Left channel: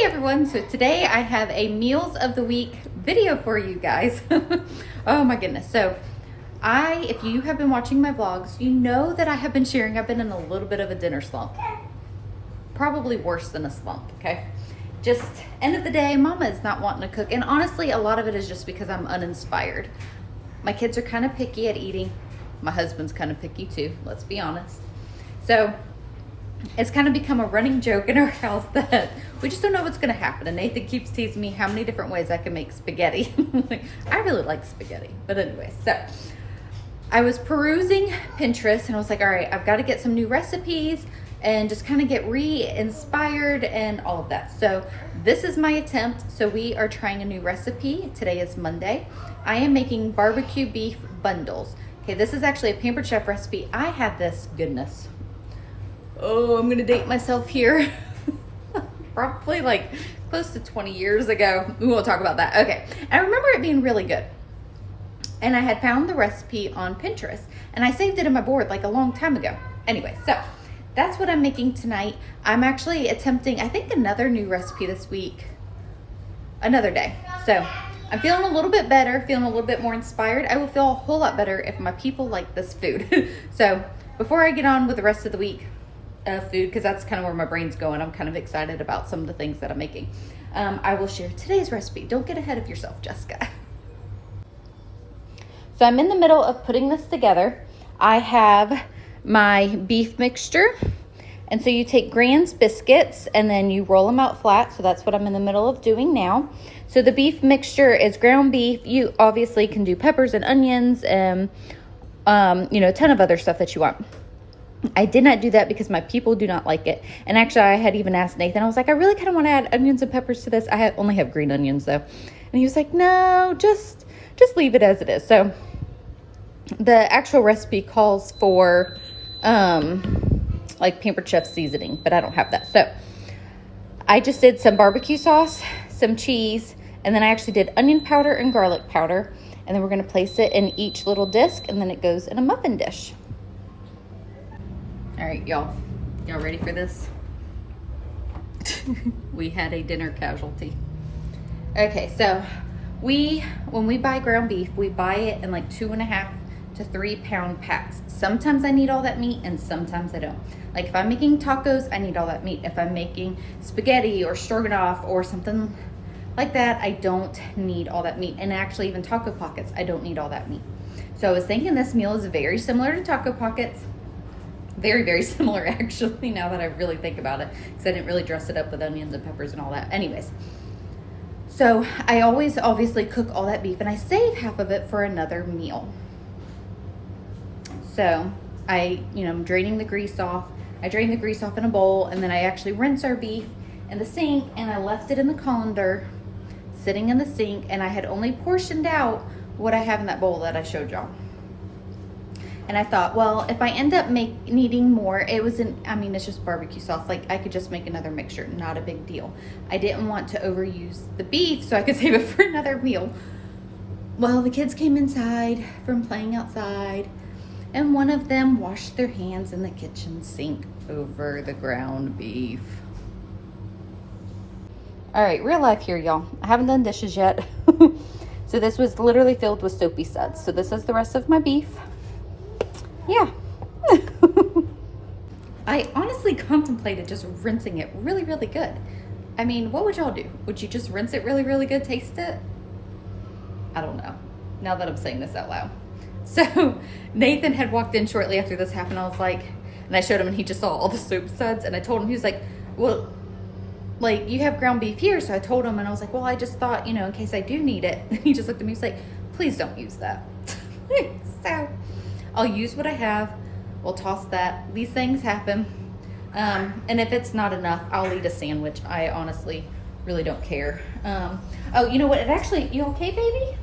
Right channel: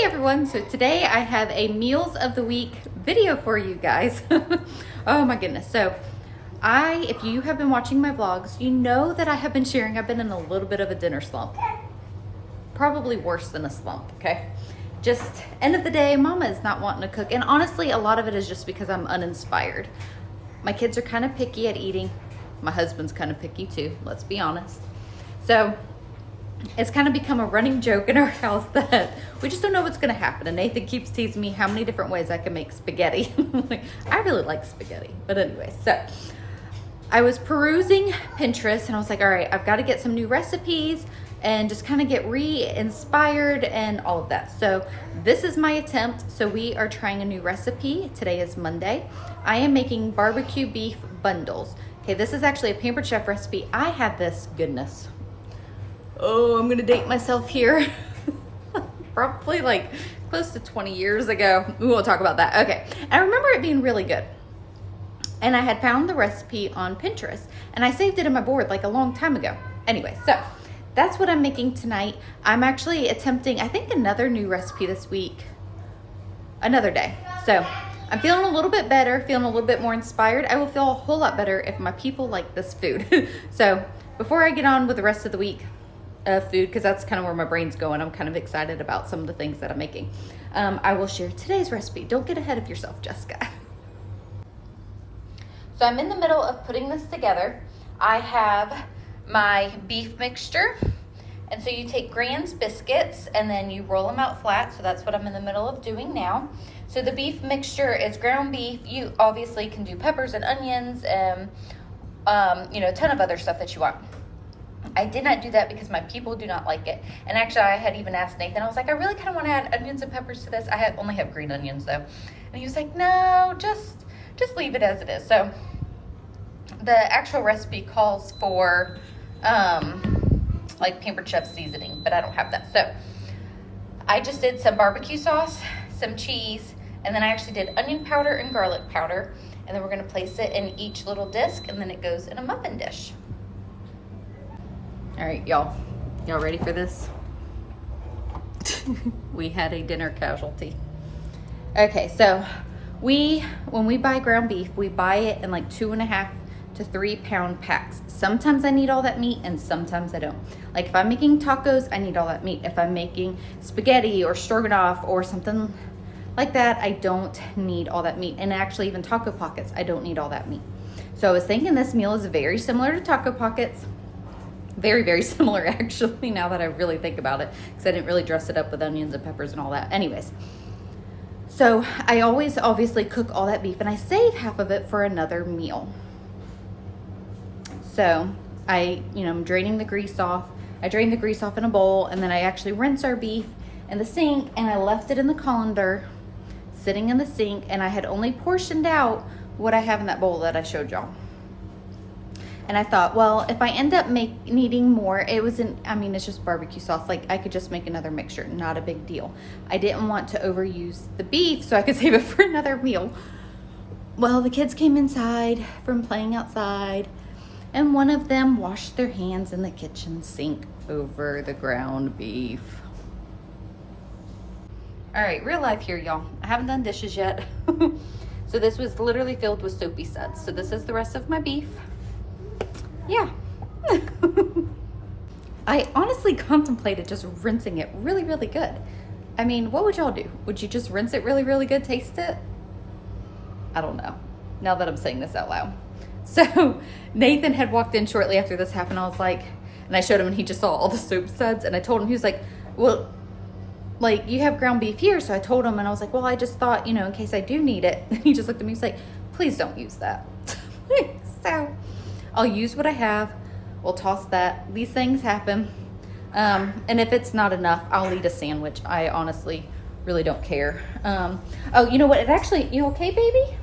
Hey everyone, so today I have a Meals of the Week video for you guys. Oh my goodness. So if you have been watching my vlogs, you know that I have been sharing, I've been in a little bit of a dinner slump. Probably worse than a slump, okay? Just end of the day, mama is not wanting to cook. And honestly, a lot of it is just because I'm uninspired. My kids are kind of picky at eating. My husband's kind of picky too, let's be honest. So it's kind of become a running joke in our house that we just don't know what's going to happen. And Nathan keeps teasing me how many different ways I can make spaghetti. I really like spaghetti. But anyway, so I was perusing Pinterest and I was like, all right, I've got to get some new recipes and just kind of get re-inspired and all of that. So this is my attempt. So we are trying a new recipe. Today is Monday. I am making barbecue beef bundles. Okay, this is actually a Pampered Chef recipe. I had this, goodness. Oh, I'm gonna date myself here. Probably like close to 20 years ago. We won't talk about that. Okay, I remember it being really good. And I had found the recipe on Pinterest and I saved it in my board like a long time ago. Anyway, so that's what I'm making tonight. I'm actually attempting, I think, another new recipe this week, another day. So I'm feeling a little bit better, feeling a little bit more inspired. I will feel a whole lot better if my people like this food. So before I get on with the rest of the week, food, because that's kind of where my brain's going. I'm kind of excited about some of the things that I'm making. I will share today's recipe. Don't get ahead of yourself, Jessica. So I'm in the middle of putting this together. I have my beef mixture. And so you take Grand's biscuits and then you roll them out flat. So that's what I'm in the middle of doing now. So the beef mixture is ground beef. You obviously can do peppers and onions and a ton of other stuff that you want. I did not do that because my people do not like it. And actually, I had even asked Nathan, I was like, I really kind of want to add onions and peppers to this. I only have green onions though. And he was like, no, just leave it as it is. So the actual recipe calls for like Pampered Chef seasoning, but I don't have that. So I just did some barbecue sauce, some cheese, and then I actually did onion powder and garlic powder. And then we're going to place it in each little disc and then it goes in a muffin dish. All right, y'all ready for this? We had a dinner casualty. Okay, so when we buy ground beef, we buy it in like 2.5 to 3 pound packs. Sometimes I need all that meat and sometimes I don't. Like if I'm making tacos, I need all that meat. If I'm making spaghetti or stroganoff or something like that, I don't need all that meat. And actually even Taco Pockets, I don't need all that meat. So I was thinking this meal is very similar to Taco Pockets. Very, very similar actually, now that I really think about it, because I didn't really dress it up with onions and peppers and all that. Anyways, so I always obviously cook all that beef and I save half of it for another meal. So I'm draining the grease off. I drain the grease off in a bowl and then I actually rinse our beef in the sink and I left it in the colander sitting in the sink, and I had only portioned out what I have in that bowl that I showed y'all. And I thought, well, if I end up needing more, it's just barbecue sauce. Like I could just make another mixture, not a big deal. I didn't want to overuse the beef so I could save it for another meal. Well, the kids came inside from playing outside and one of them washed their hands in the kitchen sink over the ground beef. All right, real life here, y'all. I haven't done dishes yet. So this was literally filled with soapy suds. So this is the rest of my beef. Yeah. I honestly contemplated just rinsing it really, really good. I mean, what would y'all do? Would you just rinse it really, really good, taste it? I don't know, now that I'm saying this out loud. So Nathan had walked in shortly after this happened. I was like, and I showed him and he just saw all the soap suds and I told him, he was like, well, like you have ground beef here. So I told him and I was like, well, I just thought, in case I do need it. And he just looked at me, he's like, please don't use that. So I'll use what I have. We'll toss that. These things happen. And if it's not enough, I'll eat a sandwich. I honestly really don't care. Oh, you know what? You okay, baby?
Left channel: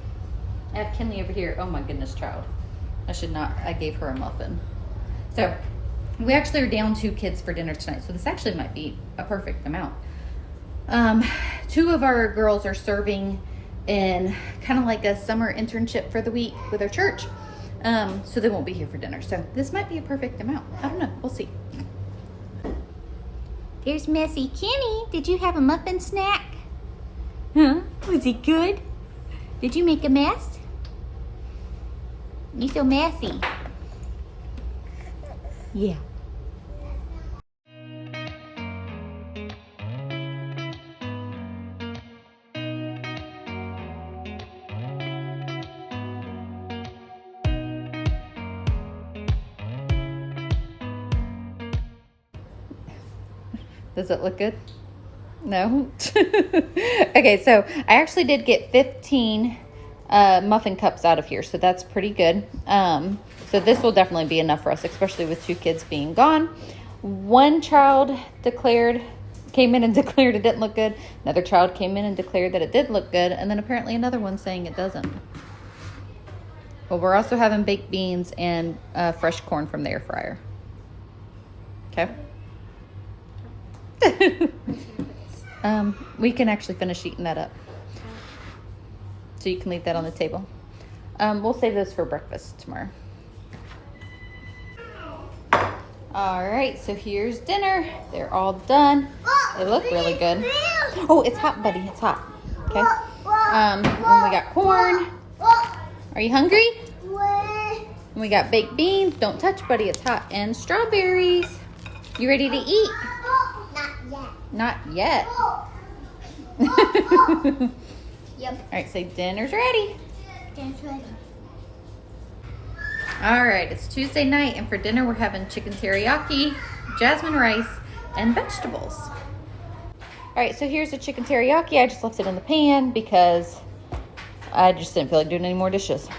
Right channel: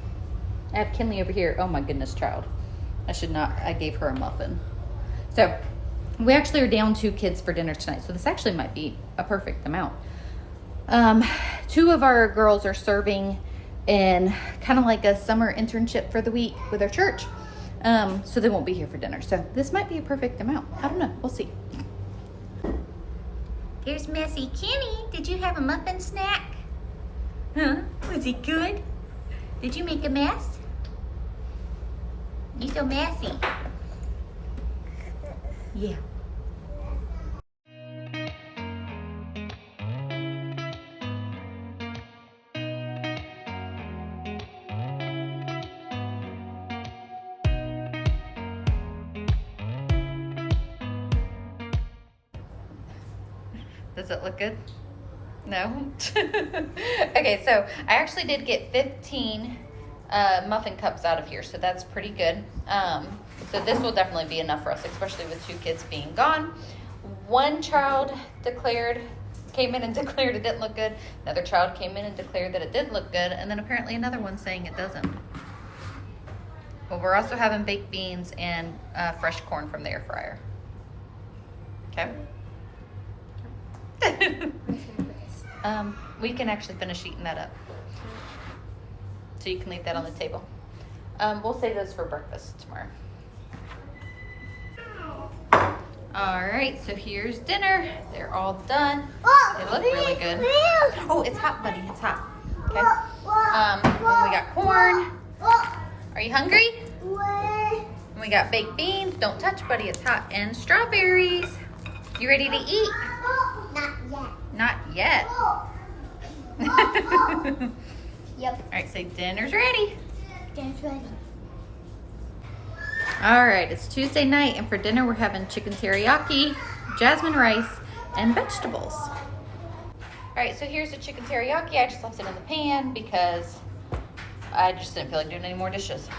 I have Kinley over here. Oh my goodness, child. I gave her a muffin. So we actually are down 2 kids for dinner tonight. So this actually might be a perfect amount. 2 of our girls are serving in kind of like a summer internship for the week with our church. So they won't be here for dinner. So this might be a perfect amount. I don't know. We'll see. There's Messy Kenny. Did you have a muffin snack? Huh? Was it good? Did you make a mess? You're so messy. Yeah. Does it look good? No? Okay, so I actually did get 15 muffin cups out of here, so that's pretty good. So this will definitely be enough for us, especially with 2 kids being gone. One child came in and declared it didn't look good. Another child came in and declared that it did look good, and then apparently another one saying it doesn't. Well, we're also having baked beans and fresh corn from the air fryer. Okay. We can actually finish eating that up. So you can leave that on the table. We'll save those for breakfast tomorrow. All right, so here's dinner. They're all done. They look really good. Oh, it's hot, buddy, it's hot. Okay. And we got corn. Are you hungry? And we got baked beans. Don't touch, buddy, it's hot. And strawberries. You ready to eat? Not yet. Yep. All right, so dinner's ready. Dinner's ready. All right, it's Tuesday night, and for dinner we're having chicken teriyaki, jasmine rice, and vegetables. All right, so here's the chicken teriyaki. I just left it in the pan because I just didn't feel like doing any more dishes.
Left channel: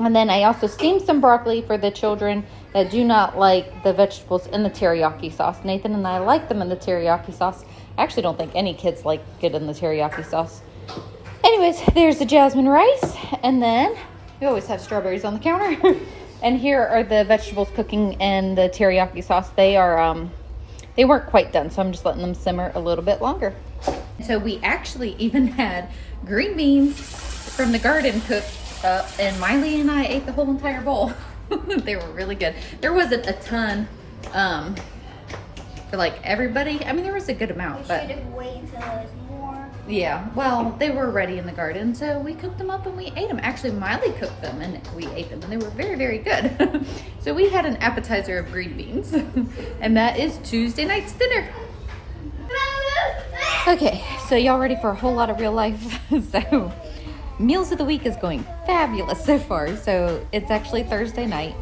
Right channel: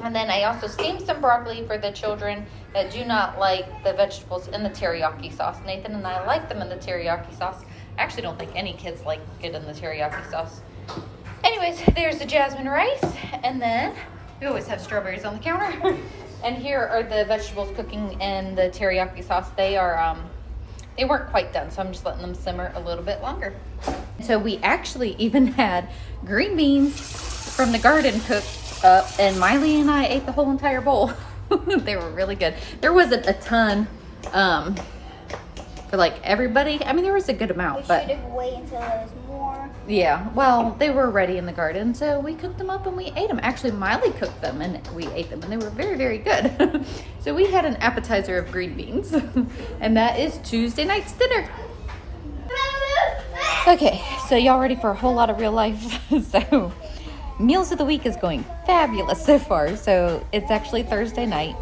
And then I also steamed some broccoli for the children that do not like the vegetables in the teriyaki sauce. Nathan and I like them in the teriyaki sauce. I actually don't think any kids like it in the teriyaki sauce. Anyways, there's the jasmine rice, and then we always have strawberries on the counter. And here are the vegetables cooking in the teriyaki sauce. They are, they weren't quite done, so I'm just letting them simmer a little bit longer. So we actually even had green beans from the garden cooked up, and Miley and I ate the whole entire bowl. They were really good. There wasn't a ton for like everybody. I mean, there was a good amount, but We should have waited until there was more. yeah, well, they were ready in the garden, so we cooked them up and we ate them. Actually, Miley cooked them and we ate them, and they were very, very good. So we had an appetizer of green beans, and that is Tuesday night's dinner. Okay, so y'all ready for a whole lot of real life? So meals of the week is going fabulous so far. So it's actually Thursday night.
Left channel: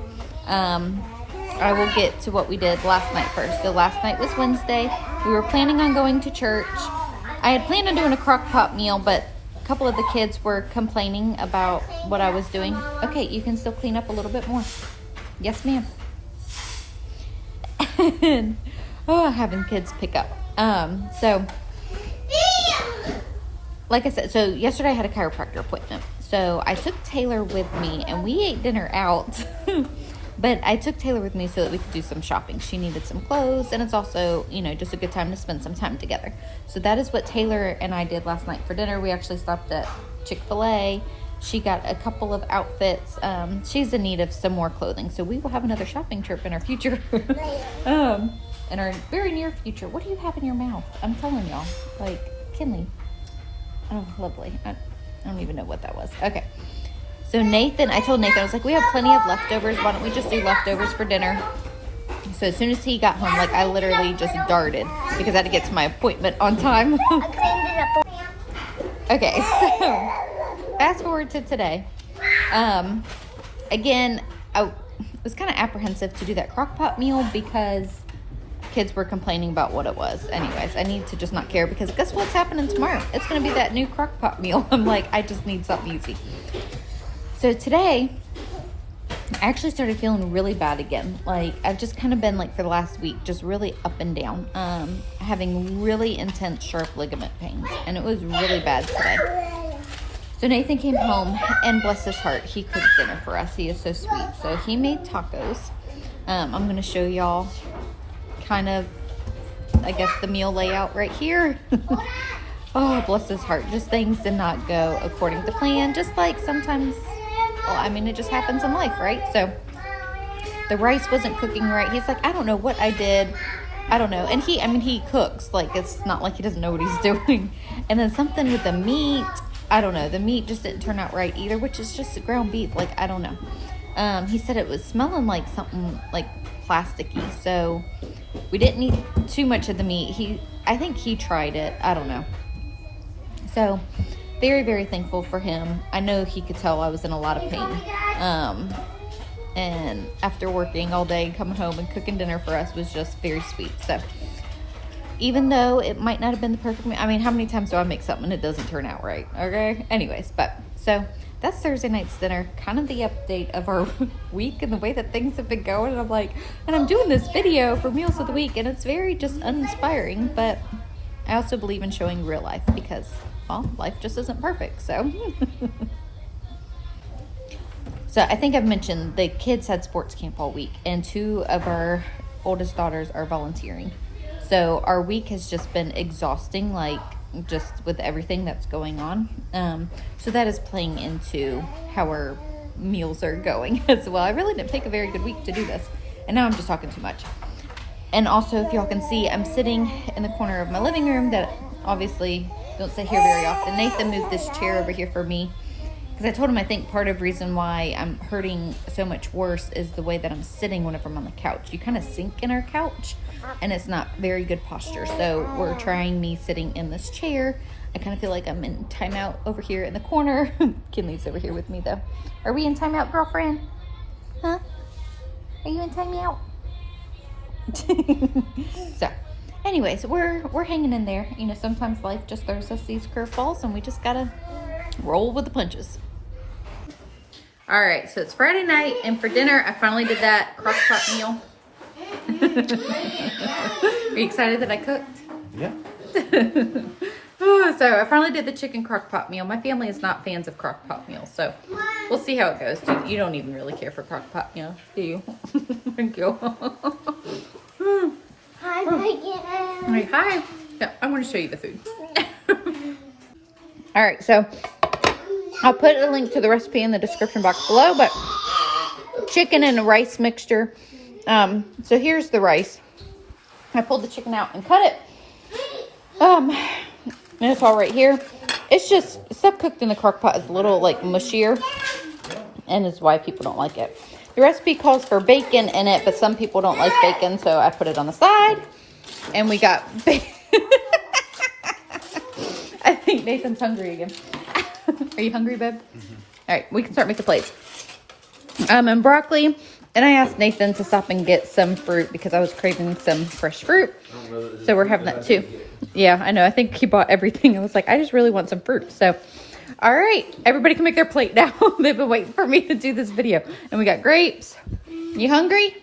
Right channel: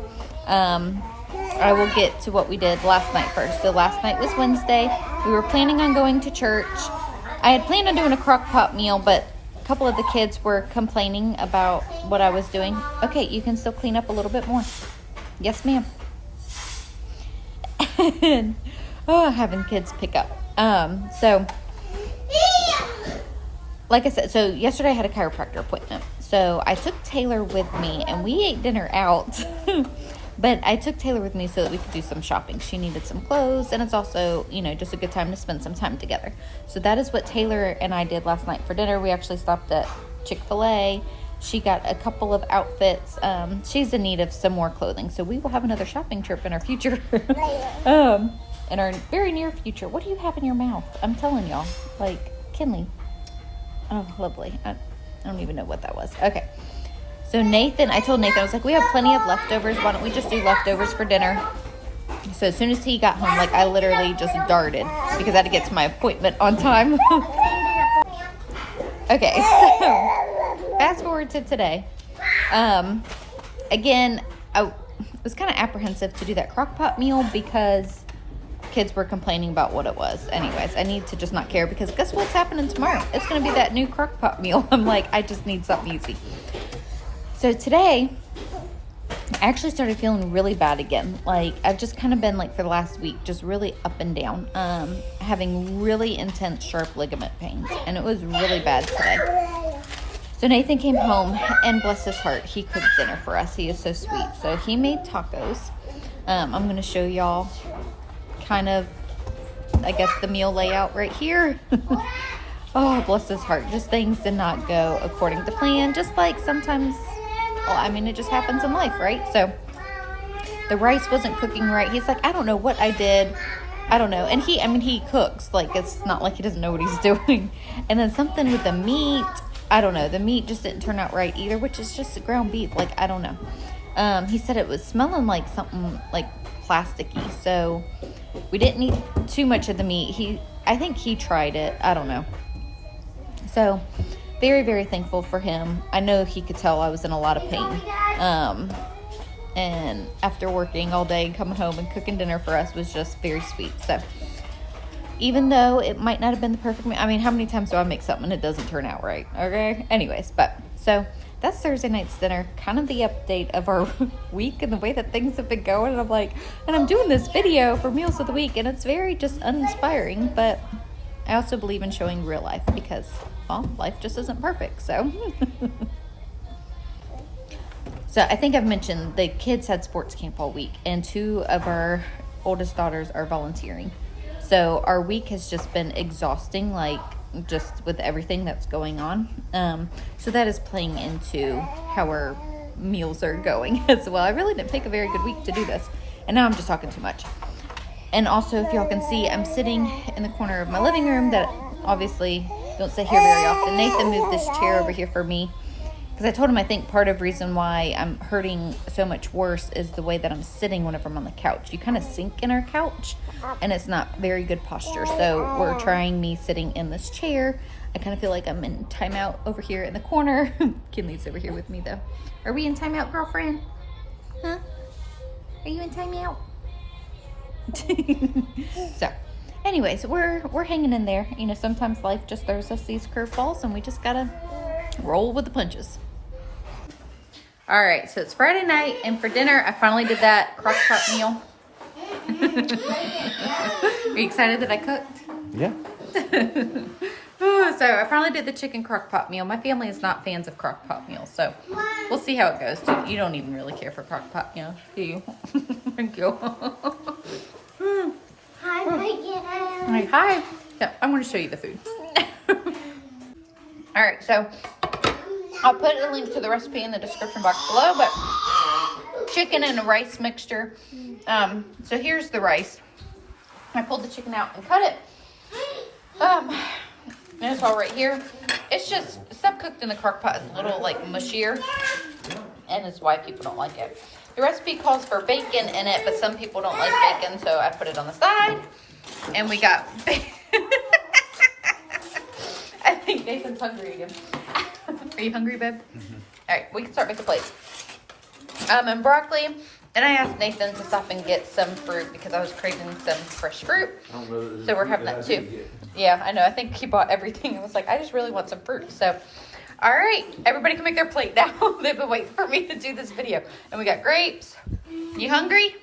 I will get to what we did last night first. So last night was Wednesday. We were planning on going to church. I had planned on doing a crock pot meal, but a couple of the kids were complaining about what I was doing. Okay, you can still clean up a little bit more. Yes, ma'am. And, having kids pick up. So like I said, so yesterday I had a chiropractor appointment. So I took Taylor with me, and we ate dinner out. But I took Taylor with me so that we could do some shopping. She needed some clothes, and it's also, you know, just a good time to spend some time together. So that is what Taylor and I did last night for dinner. We actually stopped at Chick-fil-A. She got a couple of outfits. She's in need of some more clothing. So we will have another shopping trip in our future. In our very near future. What do you have in your mouth? I'm telling y'all. Like, Kinley. Oh, lovely. I don't even know what that was. Okay. So Nathan, I told Nathan, I was like, we have plenty of leftovers. Why don't we just do leftovers for dinner? So as soon as he got home, like I literally just darted because I had to get to my appointment on time. Okay, so fast forward to today. Again, I was kind of apprehensive to do that crock pot meal because kids were complaining about what it was. Anyways, I need to just not care because guess what's happening tomorrow? It's going to be that new crock pot meal. I'm like, I just need something easy. So today, I actually started feeling really bad again. Like, I've just kind of been like for the last week, just really up and down, having really intense sharp ligament pains. And it was really bad today. So Nathan came home, and bless his heart, he cooked dinner for us. He is so sweet. So he made tacos. I'm going to show y'all kind of, I guess, the meal layout right here. Oh, bless his heart. Just things did not go according to plan. Just like sometimes, well, I mean, it just happens in life, right? So the rice wasn't cooking right. He's like, I don't know what I did. I don't know. And he cooks. Like, it's not like he doesn't know what he's doing. And then something with the meat, I don't know. The meat just didn't turn out right either, which is just ground beef. Like, I don't know. He said it was smelling like something like plasticky. So we didn't eat too much of the meat. I think he tried it. I don't know. So very, very thankful for him. I know he could tell I was in a lot of pain. And after working all day, coming home and cooking dinner for us was just very sweet. So even though it might not have been the perfect meal, I mean, how many times do I make something and it doesn't turn out right? Okay. Anyways, so that's Thursday night's dinner, kind of the update of our week and the way that things have been going. And I'm doing this video for Meals of the Week, and it's very just uninspiring, but I also believe in showing real life because, well, life just isn't perfect. So So I think I've mentioned the kids had sports camp all week, and 2 of our oldest daughters are volunteering. So our week has just been exhausting, like just with everything that's going on. So that is playing into how our meals are going as well. I really didn't pick a very good week to do this, and now I'm just talking too much. And also, if y'all can see, I'm sitting in the corner of my living room that obviously don't sit here very often. Nathan moved this chair over here for me, because I told him I think part of the reason why I'm hurting so much worse is the way that I'm sitting whenever I'm on the couch. You kind of sink in our couch, and it's not very good posture. So we're trying me sitting in this chair. I kind of feel like I'm in timeout over here in the corner. Kinley's over here with me, though. Are we in timeout, girlfriend? Huh? Are you in timeout? So, anyways, we're hanging in there. You know, sometimes life just throws us these curveballs, and we just gotta roll with the punches. All right, so it's Friday night, and for dinner, I finally did that crock pot meal. Are you excited that I cooked? Yeah. So I finally did the chicken crock pot meal. My family is not fans of crock pot meals, so we'll see how it goes. You don't even really care for crock pot meals, do you? Thank you. Hi, Hi, hi. Yeah, I want to show you the food. All right, so I'll put a link to the recipe in the description box below, but chicken and a rice mixture. So here's the rice. I pulled the chicken out and cut it. And it's all right here. It's just stuff cooked in the crock pot is a little like mushier, and is why people don't like it. The recipe calls for bacon in it, but some people don't like bacon, so I put it on the side. And we got bacon. I think Nathan's hungry again. Are you hungry, babe? Mm-hmm. All right, we can start making plates. And broccoli. And I asked Nathan to stop and get some fruit because I was craving some fresh fruit. So we're having that too. Yeah, I know. I think he bought everything. I was like, I just really want some fruit. So, all right. Everybody can make their plate now. They've been waiting for me to do this video. And we got grapes. You hungry?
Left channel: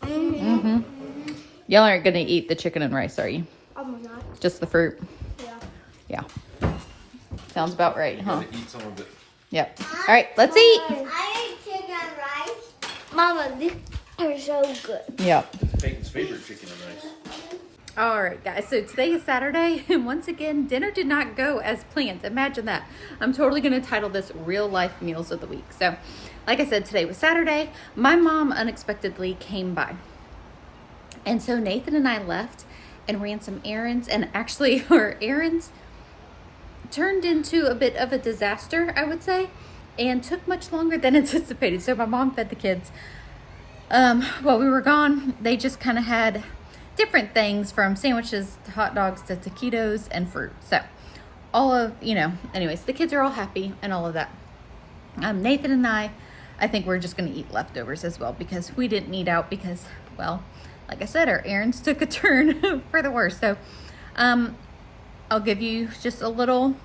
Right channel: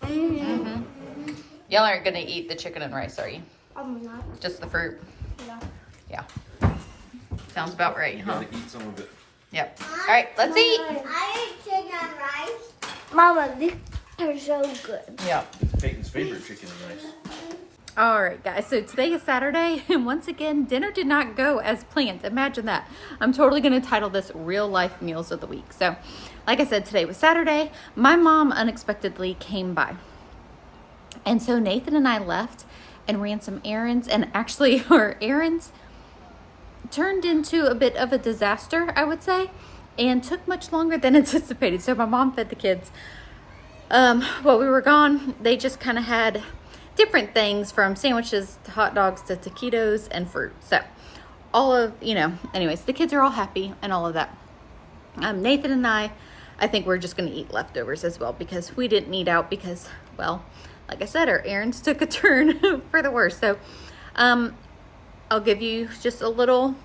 Mm-hmm. Y'all aren't going to eat the chicken and rice, are you? I'm not. Just the fruit? Yeah. Yeah. Sounds about right, huh? Eat some of it. Yeah. All right, let's eat. I eat chicken and rice. Mama, these are so good. Yeah. Peyton's favorite chicken and rice. All right, guys. So today is Saturday, and once again, dinner did not go as planned. Imagine that. I'm totally going to title this Real Life Meals of the Week. So, like I said, today was Saturday. My mom unexpectedly came by. And so Nathan and I left and ran some errands, and actually our errands turned into a bit of a disaster, I would say, and took much longer than anticipated. So my mom fed the kids. While we were gone, they just kind of had different things from sandwiches to hot dogs to taquitos and fruit. So all of, anyways, the kids are all happy and all of that. Nathan and I think we're just going to eat leftovers as well because we didn't eat out because, well, like I said, our errands took a turn for the worse. So, I'll give you just a little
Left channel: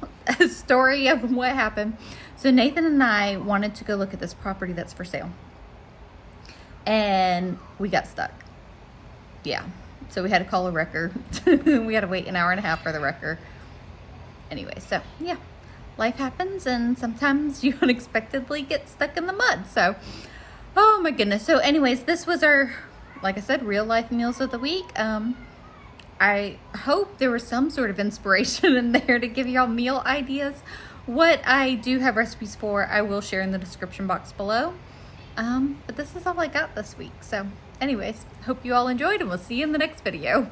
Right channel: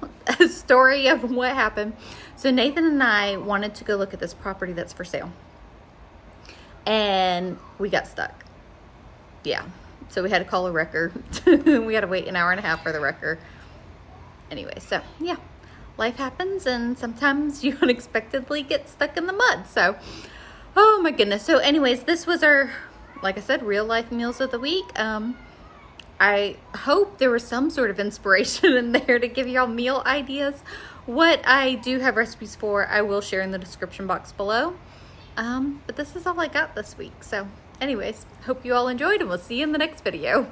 story of what happened. So Nathan and I wanted to go look at this property that's for sale. And we got stuck. Yeah. So we had to call a wrecker. We had to wait an hour and a half for the wrecker. Anyway, so yeah. Life happens, and sometimes you unexpectedly get stuck in the mud. So, oh my goodness. So anyways, this was our, like I said, real life meals of the week. I hope there was some sort of inspiration in there to give y'all meal ideas. What I do have recipes for, I will share in the description box below. But this is all I got this week. So anyways, hope you all enjoyed and we'll see you in the next video.